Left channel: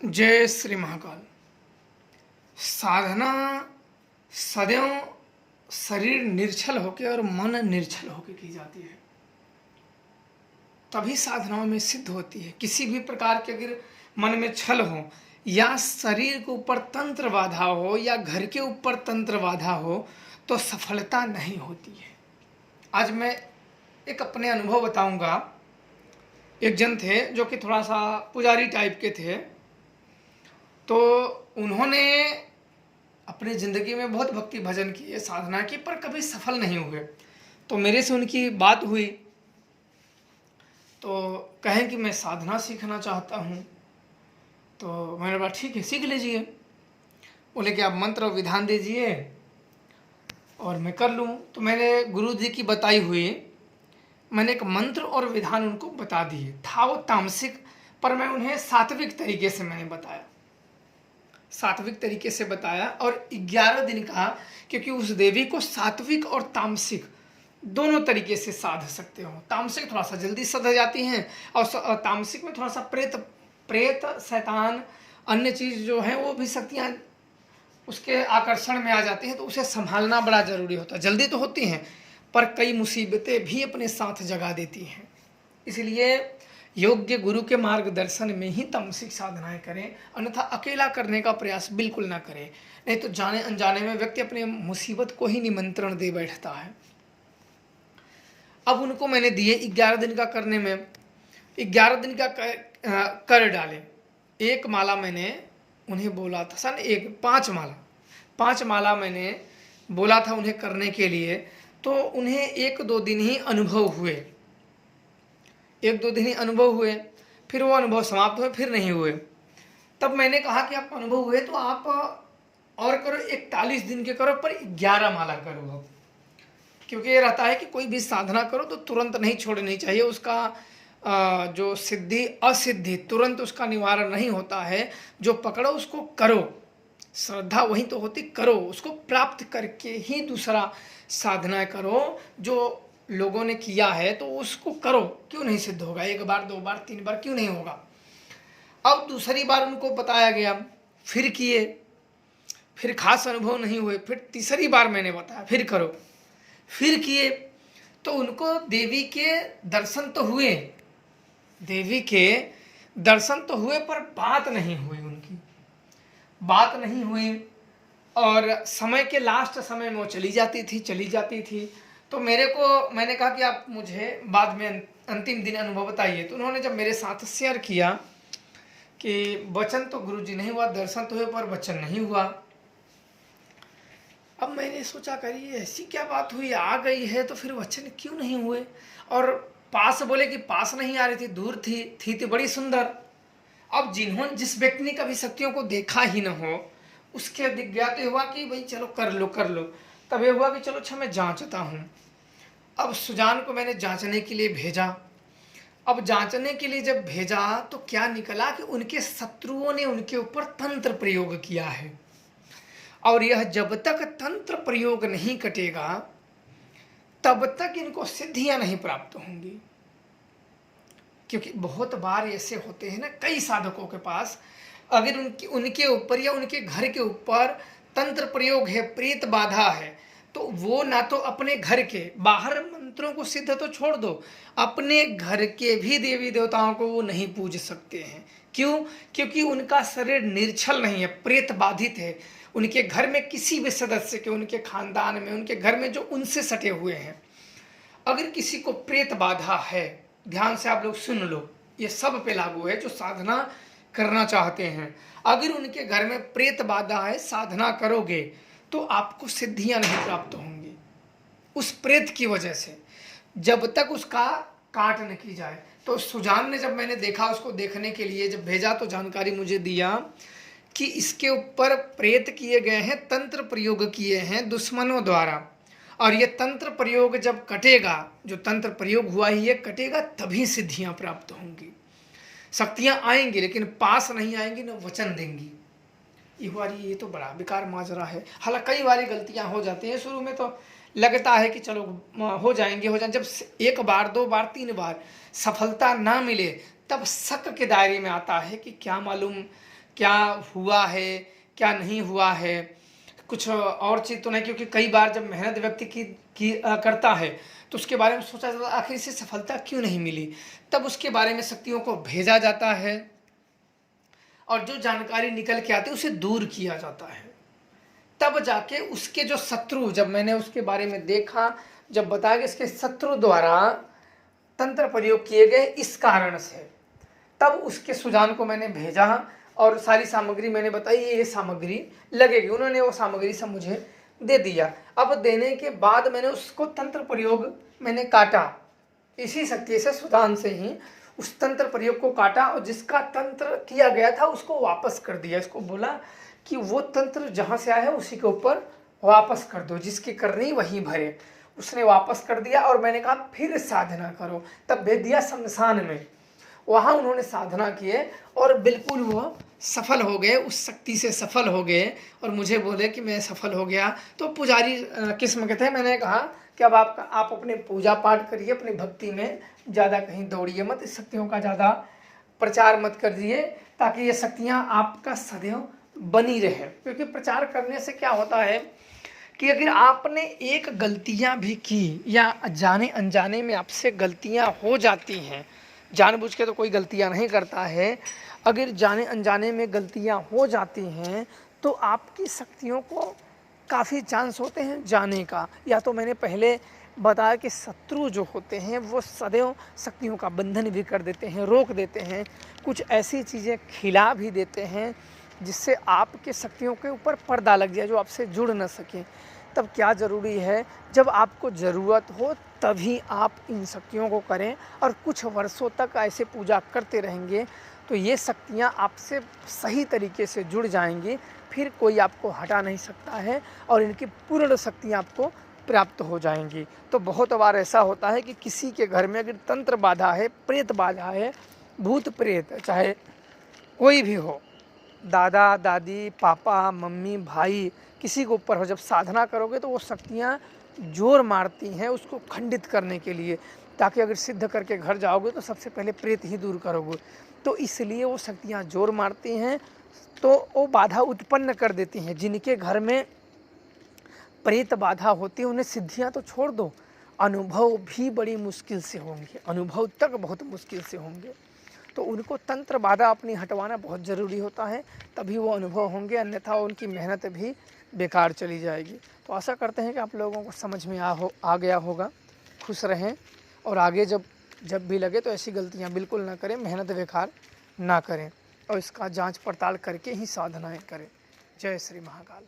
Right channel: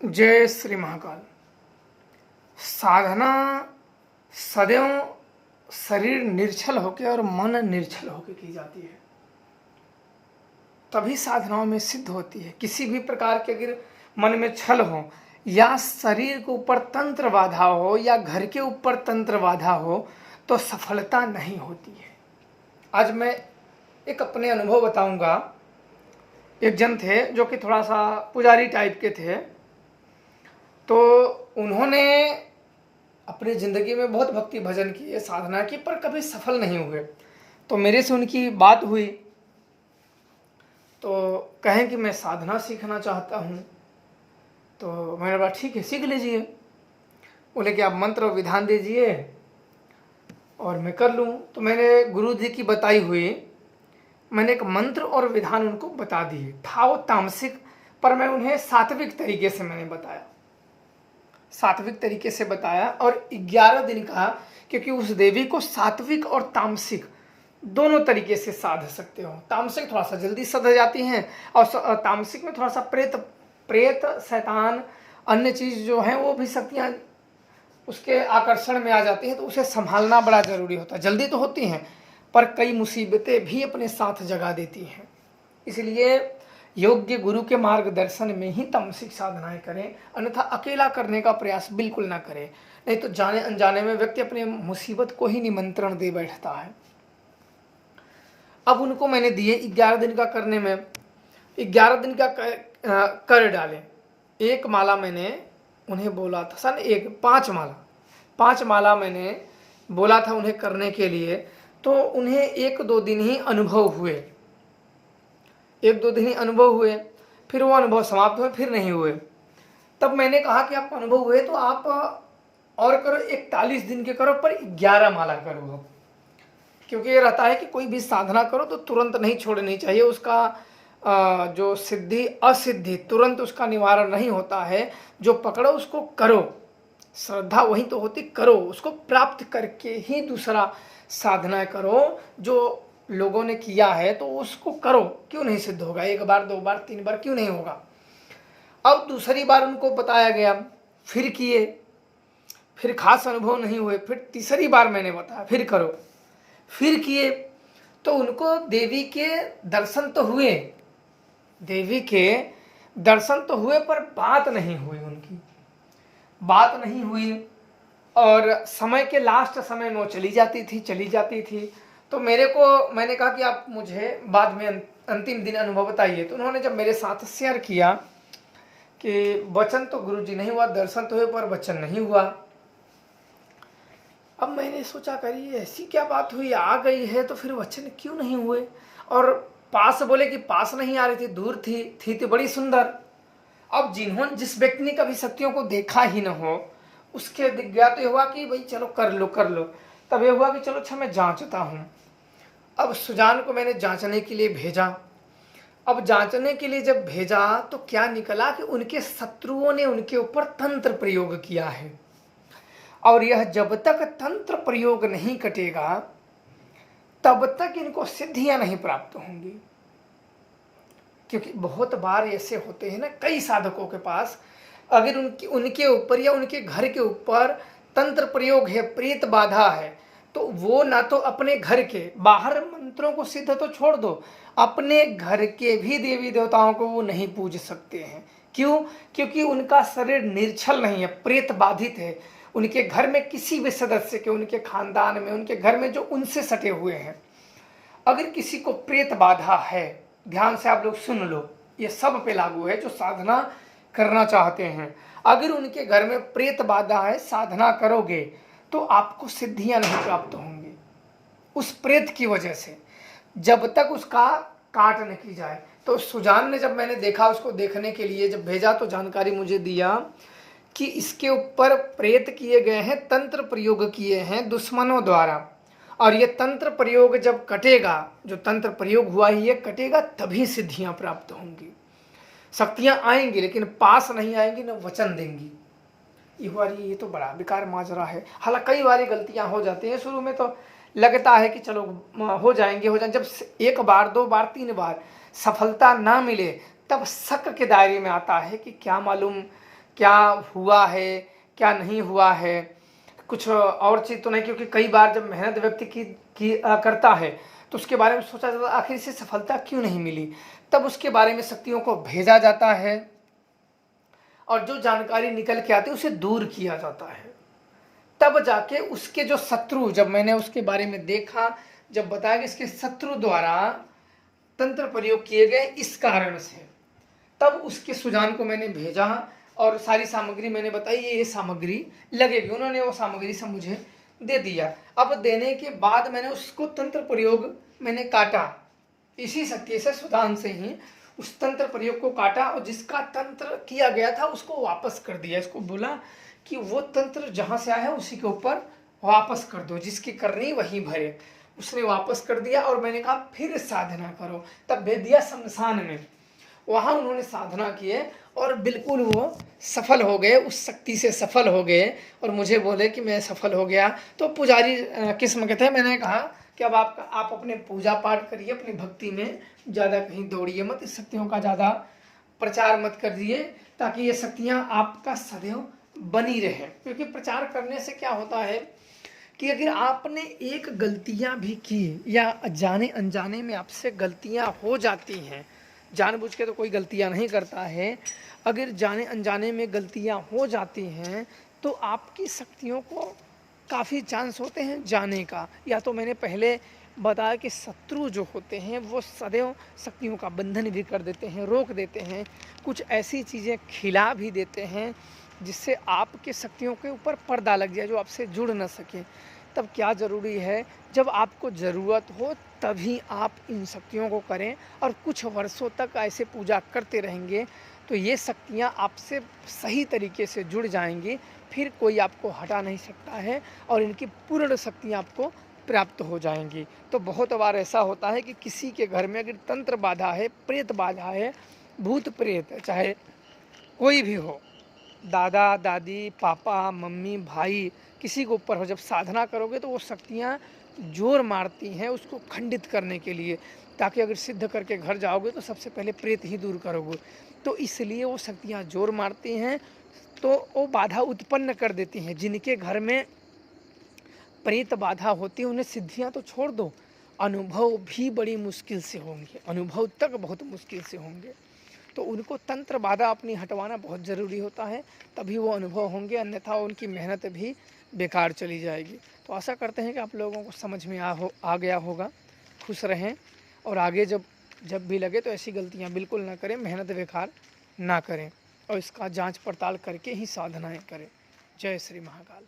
जय श्री महाकाल। साधना सदैव शरीर निर्छल होकर और मन निर्छल होकर की जाती है, तभी साधनाओं में सिद्ध होती है। किसी भी प्रकार के अगर मन में छल हो या शरीर के ऊपर तंत्र बाधा हो या घर के ऊपर तंत्र बाधा हो तो सफलता नहीं होती है। आज मैं एक अपने अनुभव बताऊंगा। एक जन थे जो कि थोड़ा सा पुजारी टाइप के थे, तो उन्होंने अपनी ज़िंदगी में बहुत भक्ति भजन किए, साधना की, पर कभी सफल नहीं हुए। तो मेरे से उनकी बात हुई तो कहें कि मैं साधना सीखना चाहता हूँ। तो मैंने बोला ठीक है, सीख लीजिए। बोले कि आप मंत्र और विधान दीजिए और मैं कर लूँ। तो मैंने गुरु जी की बताई हुई मैंने एक मंत्र और विधान उनको बता दिए। था वो तामसिक, पर मैं उन्हें सात्विक तरीके से मैंने बताया, सात्विक तरीके से बताया। और 11 दिन कहा, क्योंकि उस देवी को सात्विक और तामसिक दोनों तरीके से साध सकते हो। तामसिक थोड़ा सा जल्दी सध जाती हैं और तामसिक में थोड़ा सा प्रेत शैतान अन्य चीज़ जो है वो भी शक्तियाँ उसके आकर्षण में आ जाती हैं, तो उसे संभालना बड़ा जरूरी होता है। जल्दी तो होती हैं पर कई मुसीबतें भी अपने साथ जगा देती हैं। इसलिए योग्य गुरु के मार्गदर्शन में ही तामसिक साधनाएं करें, अन्यथा अकेला करने का प्रयास बिल्कुल ना करें। नहीं तो जाने अनजाने में व्यक्ति अपने मुसीबत को ही निमंत्रण दे बैठता है। अब उनको मैंने दिए 11 दिन का करने में, 11 दिन का कर डाले। एक माला मैंने उन्हें बोला था, सन एक 5 माला मैंने बोला था उन्हें करने के लिए। तो उन्हें 1-2 दिन ही अनुभव हुए, 1-2 दिन ही अनुभव हुए, फिर वो अनुभव समाप्त हुए, फिर नहीं हुए। तब मैंने कहा कि आपको अनुभव हुए तो आप और करो, 41 दिन के करो, पर 11 माला करो। क्योंकि ये रहता है कि कोई भी साधना करो तो तुरंत नहीं छोड़नी चाहिए। उसका जो सिद्धि असिद्धि तुरंत उसका निवारण नहीं होता है। जो पकड़ो उसको करो, श्रद्धा वही तो होती, करो उसको प्राप्त करके ही दूसरा साधना करो। जो लोगों ने किया है तो उसको करो, क्यों नहीं सिद्ध होगा? 1 बार 2 बार 3 बार क्यों नहीं होगा? अब दूसरी बार उनको बताया गया, फिर किए, फिर खास अनुभव नहीं हुए। फिर तीसरी बार मैंने बताया फिर करो, फिर किए, तो उनको देवी के दर्शन तो हुए, देवी के दर्शन तो हुए, पर बात नहीं हुई, उनकी बात नहीं हुई। और समय के लास्ट समय में वो चली जाती थी। तो मैंने कहा कि आप मुझे बाद में अंतिम दिन अनुभव बताइए। तो उन्होंने जब मेरे साथ शेयर किया कि वचन तो गुरुजी नहीं हुआ, दर्शन तो हुए पर वचन नहीं हुआ। अब मैंने सोचा करिए ऐसी क्या बात हुई, आ गई है तो फिर वचन क्यों नहीं हुए? और पास बोले कि पास नहीं आ रही थी, दूर थी तो बड़ी सुंदर। अब जिस व्यक्ति ने कभी शक्तियों को देखा ही न हो, उसके दिख गया तो हुआ कि भाई चलो कर लो। तब ये हुआ कि चलो अच्छा मैं जांचता हूँ। अब सुजान को मैंने जांचने के लिए भेजा। अब जांचने के लिए जब भेजा तो क्या निकला कि उनके शत्रुओं ने उनके ऊपर तंत्र प्रयोग किया है, और यह जब तक तंत्र प्रयोग नहीं कटेगा तब तक इनको सिद्धियां नहीं प्राप्त होंगी। क्योंकि बहुत बार ऐसे होते हैं ना, कई साधकों के पास अगर उनके ऊपर या उनके घर के ऊपर तंत्र प्रयोग है, प्रेत बाधा है, तो वो ना तो अपने घर के बाहर मंत्रों को सिद्ध तो छोड़ दो, अपने घर के भी देवी देवताओं को वो नहीं पूज सकते हैं। क्यों? क्योंकि उनका शरीर निर्छल नहीं है, प्रेत बाधित है। उनके घर में किसी भी सदस्य के, उनके खानदान में, उनके घर में जो उनसे सटे हुए हैं, अगर किसी को प्रेत बाधा है, ध्यान से आप लोग सुन लो, ये सब पे लागू है जो साधना करना चाहते हैं। अगर उनके घर में प्रेत बाधा है, साधना करोगे तो आपको सिद्धियां नहीं प्राप्त होंगी उस प्रेत की वजह से, जब तक उसका काट न की जाए। तो सुजान ने, जब मैंने देखा, उसको देखने के लिए जब भेजा तो जानकारी मुझे दिया कि इसके ऊपर प्रेत किए गए हैं, तंत्र प्रयोग किए हैं दुश्मनों द्वारा, और ये तंत्र प्रयोग जब कटेगा, जो तंत्र प्रयोग हुआ ही ये कटेगा, तभी सिद्धियां प्राप्त होंगी। शक्तियां आएंगी लेकिन पास नहीं आएंगी, न वचन देंगी। ये तो बड़ा बेकार माजरा है। हालांकि कई बारी गलतियां हो जाती हैं, शुरू में तो लगता है कि चलो हो जाएंगे। जब 1 बार 2 बार 3 बार सफलता ना मिले तब शक के दायरे में आता है कि क्या मालूम क्या हुआ है क्या नहीं हुआ है, कुछ और चीज़ तो नहीं, क्योंकि कई बार जब मेहनत व्यक्ति करता है तो उसके बारे में सोचा जाता है आखिर इसे सफलता क्यों नहीं मिली, तब उसके बारे में शक्तियों को भेजा जाता है और जो जानकारी निकल के आती है उसे दूर किया जाता है। तब जाके उसके जो शत्रु, जब मैंने उसके बारे में देखा, जब बताया कि इसके शत्रु द्वारा तंत्र प्रयोग किए गए इस कारण से, तब उसके सुजान को मैंने भेजा और सारी सामग्री मैंने बताई, ये सामग्री लगेगी। उन्होंने वो सामग्री सब मुझे दे दिया। अब देने के बाद मैंने उसको तंत्र प्रयोग मैंने काटा, इसी शक्ति से सुदान से ही उस तंत्र प्रयोग को काटा और जिसका तंत्र किया गया था उसको वापस कर दिया। इसको बोला कि वो तंत्र जहाँ से आया है उसी के ऊपर वापस कर दो, जिसकी करनी वही भरे। उसने वापस कर दिया और मैंने कहा फिर साधना करो। तब भेज दिया शमशान में, वहाँ उन्होंने साधना किए और बिल्कुल वो सफल हो गए, उस शक्ति से सफल हो गए और मुझे बोले कि मैं सफल हो गया। तो पुजारी किस्म के थे। मैंने कहा कि अब आप अपने पूजा पाठ करिए, अपनी भक्ति में ज़्यादा कहीं दौड़िए मत, इस शक्तियों का ज़्यादा प्रचार मत करिए, ताकि ये शक्तियाँ आपका सदैव बनी रहे। क्योंकि प्रचार करने से क्या होता है कि अगर आपने एक गलतियाँ भी की या जाने अनजाने में आपसे गलतियाँ हो जाती हैं, जानबूझ के तो कोई गलतियाँ नहीं करता है, अगर जाने अनजाने में गलतियाँ हो जाती हैं तो आपकी शक्तियों को काफ़ी चांस होते हैं जाने का। या तो मैंने पहले बताया कि शत्रु जो होते हैं वो सदैव शक्तियों का बंधन भी कर देते हैं, रोक देते हैं, कुछ ऐसी चीज़ें खिला भी देते हैं जिससे आपके शक्तियों के ऊपर पर्दा लग जाए, जो आपसे जुड़ न सकें। तब क्या ज़रूरी है, जब आपको ज़रूरत हो तभी आप इन शक्तियों को करें और कुछ वर्षों तक ऐसे पूजा करते रहेंगे तो ये शक्तियाँ आपसे सही तरीके से जुड़ जाएंगी, फिर कोई आपको हटा नहीं सकता है और इनकी पूर्ण शक्तियाँ आपको प्राप्त हो जाएंगी। तो बहुत बार ऐसा होता है कि किसी के घर में अगर तंत्र बाधा है, प्रेत बाधा है, भूत प्रेत चाहे कोई भी हो, दादा दादी पापा मम्मी भाई किसी के ऊपर हो, जब साधना करोगे तो वो शक्तियाँ जोर मारती हैं उसको खंडित करने के लिए, ताकि अगर सिद्ध करके घर जाओगे तो सबसे पहले प्रेत ही दूर करोगे। तो इसलिए वो शक्तियाँ जोर मारती हैं, तो वो बाधा उत्पन्न कर देती हैं। जिनके घर में प्रेत बाधा होती है उन्हें सिद्धियाँ तो छोड़ दो, अनुभव भी बड़ी मुश्किल से होंगे, अनुभव तक बहुत मुश्किल से होंगे। तो उनको तंत्र बाधा अपनी हटवाना बहुत ज़रूरी होता है, तभी वो अनुभव होंगे, अन्यथा उनकी मेहनत भी बेकार चली जाएगी। तो आशा करते हैं कि आप लोगों को समझ में आ गया होगा। खुश रहें और आगे जब भी लगे तो ऐसी गलतियां बिल्कुल ना करें, मेहनत बेकार ना करें और इसका जांच पड़ताल करके ही साधनाएं करें। जय श्री महाकाल।